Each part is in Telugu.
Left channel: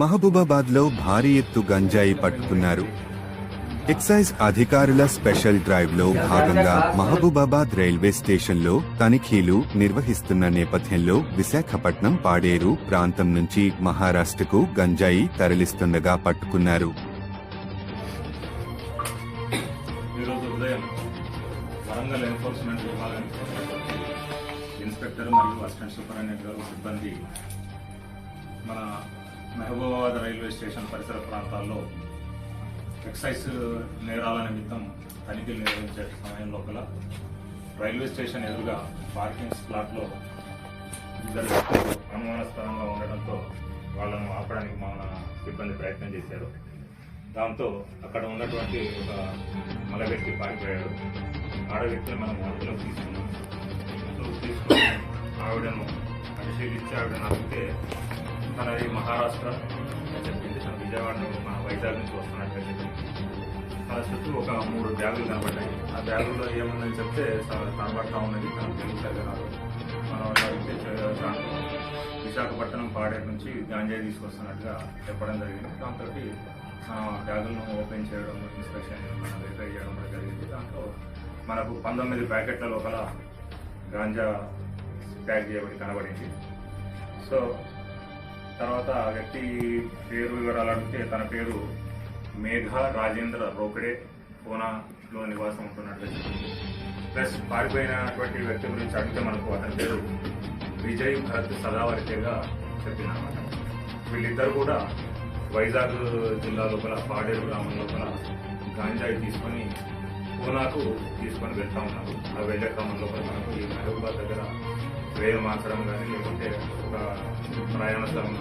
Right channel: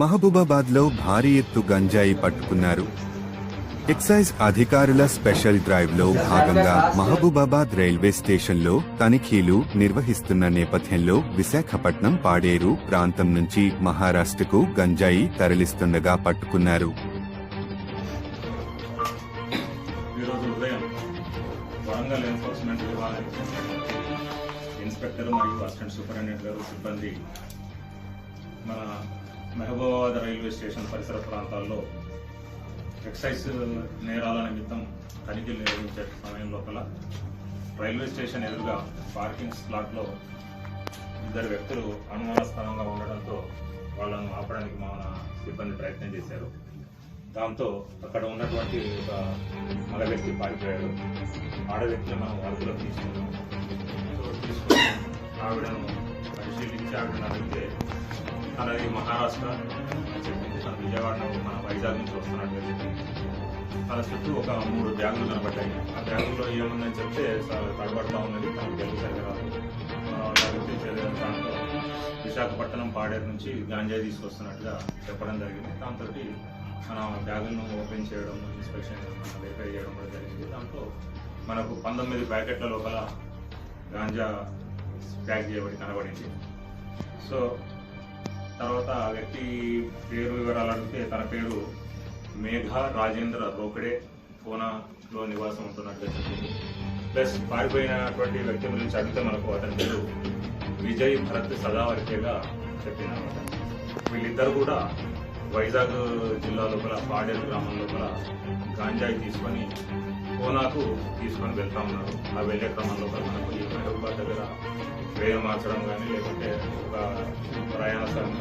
మహబూబాబాద్లో భారీ ఎత్తు గంజాయి పట్టుకున్నారు. ఎక్సైజ్ అధికారుల స్పెషల్ డ్రైవ్లో భాగంగా మహబూబాబాద్ రైల్వే స్టేషన్లో తనిఖీలు నిర్వహిస్తున్న నేపథ్యంలో విశాఖపట్నం పాడేరు ప్రాంతం నుంచి మహారాష్ట్రకు గంజాయి తరలిస్తుండగా పట్టుకున్నారు. వరంగల్ ఎన్ఫోర్స్మెంట్ విభాగానికి ఇన్స్పెక్టర్ మరియు అసిస్టెంట్ సూపరింటెండెంట్ గారు సిబ్బంది మన మహబూబాబాద్ రైల్వే స్టేషన్ పరిసర ప్రాంతాల్లో ఎక్సైజ్ నేరాల నిమిత్తం తనిఖీలు నిర్వహించే సమయం లోపల రైల్వే స్టేషన్ ఎదురుగా పార్కింగ్ స్లాట్లో ఇద్దరు వ్యక్తులు అనుమానాస్పదంగా ఉండడంతో వాళ్ళను ఆపడానికి మన సిబ్బంది ప్రయత్నం చేశారు. దాంతో అక్కడ ఉన్నటువంటి ఒక మగ వ్యక్తి పారిపోయాడు. ఆడ వ్యక్తిని మనం అదుపులోకి తీసుకున్నాం. తీసుకుని ఆవిడను పరిశీలించి ఆవిడను అడిగితే తనది మహారాష్ట్ర అని చెప్పింది. తన విజయవాడ మన వైజాగ్ నుంచి వస్తున్నట్టుగా చెప్పింది. తన చుట్టూ ఒక 3 బ్యాగులు కనబడ్డాయి. ఆ బ్యాగుల్లో ఏముందని చెప్తే తడబడతా ఉన్నది, తనకు తెలుగు రాదు. దాంట్లో విశాఖపట్నం పాడేరు నుంచి గాంజాయి తీసుకొస్తున్నట్టుగా చెప్పడం జరిగింది. దాంతో మనం బ్యాగులను ఓపెన్ చేయడం, ఇన్స్పెక్షన్ వెరిఫై చేయడం కూడా జరిగింది. దాంతో మనకు 19 ప్యాకెట్ల లోపల గాంజా ప్యాక్ చేయబడి కనబడింది. సో తర్వాత ఆ వ్యక్తి పేరు వివరాలు అడిగితే తన పేరు మేఘ రాజేంద్ర రోకడే, పూనాలో నివాసం ఉంటున్నట్టుగా చెప్పింది. ప్లస్ పారిపోయినటువంటి వ్యక్తి గురించి అడిగితే మనకు అతని పేరు విజయ్ భరత్ సదావర్తిగా చెప్పింది అనమాట. వీళ్ళిద్దరు కూడా వైజాగ్ జిల్లా లోపల పాడేరు గ్రామం లోపల గాంజాయి తీసుకొని పూనాకు తీసుకొని వెళ్తా ఉన్నారు. ఆ వెళ్ళే క్రమం లోపల మనకు ఈ మహబూబాబాద్ దగ్గర వేలు మార్చడం కానీ లేకుంటే ఒక ప్రయాణ స్థలం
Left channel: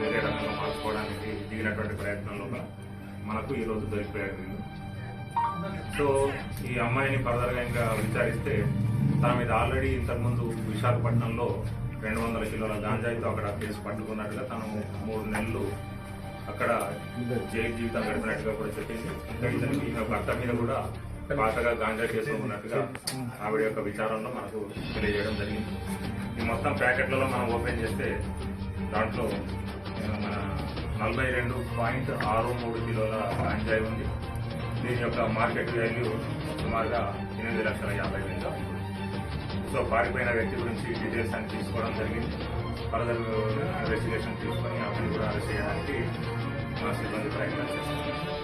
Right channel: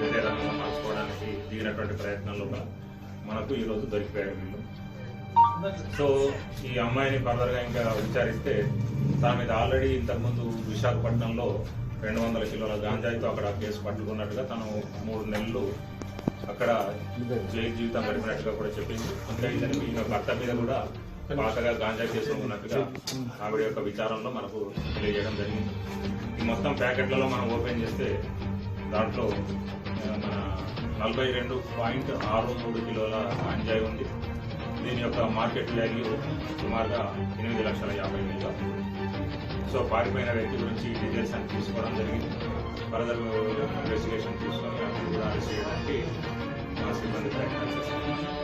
వేరే రంగంలో మార్చుకోవడానికి దిగినటువంటి ప్రయత్నం లోపల మనకు ఈరోజు దొరికిపోయారు వీళ్ళు. సో ఈ అమ్మాయిని ఫర్దర్గా ఇంకా విచారిస్తే తన మీద ఆల్రెడీ ఇంతకుముందు విశాఖపట్నంలో 200 కిలోల గాంజాయితో అక్కడ కేసు పట్టుకున్నట్టుగా తను 3 నెలలు అక్కడ జైలు జీవితం గడిపినట్టుగా కూడా చెప్పింది. ఇంకా ఇతనికి ఈమె భర్త మీద కూడా పాతగా గాంజా కేసులు ఉన్నట్టుగా ఆవిడ యొక్క విచారంలో మనకు తెలియజేయడం జరిగింది. ఈ మొత్తం ప్యాకెట్లలో మనం ఓపెన్ చేస్తే దాంట్లో మన 42.63 కిలోల గాంజాయి ఉంది. దీని యొక్క మార్కెట్ వాల్యూ సుమారుగా 8,50,000 ఉంది. సో పారిపోయిన వ్యక్తి గురించి డీటెయిల్స్ అని తీసుకోవడం జరిగింది. ఫర్దర్ ఇన్వెస్టిగేషన్ తీసుకొని అతను కూడా అరెస్ట్ చేయడానికి మా సిబ్బంది ప్రయత్నం చేస్తారు.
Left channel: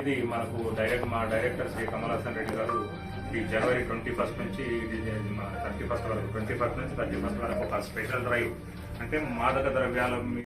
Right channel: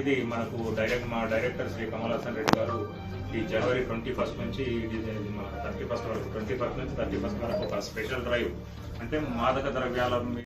ఇది మనకు మా డైరెక్టర్ శ్రీ కమల్ హాసన్ రెడ్డి గారు ఈ జనవరి 21 నుంచి 31 వరకు 21 నుంచి 31 వరకు ఒక స్పెషల్ డ్రైవ్, అంటే మాదక ద్రవ్యాల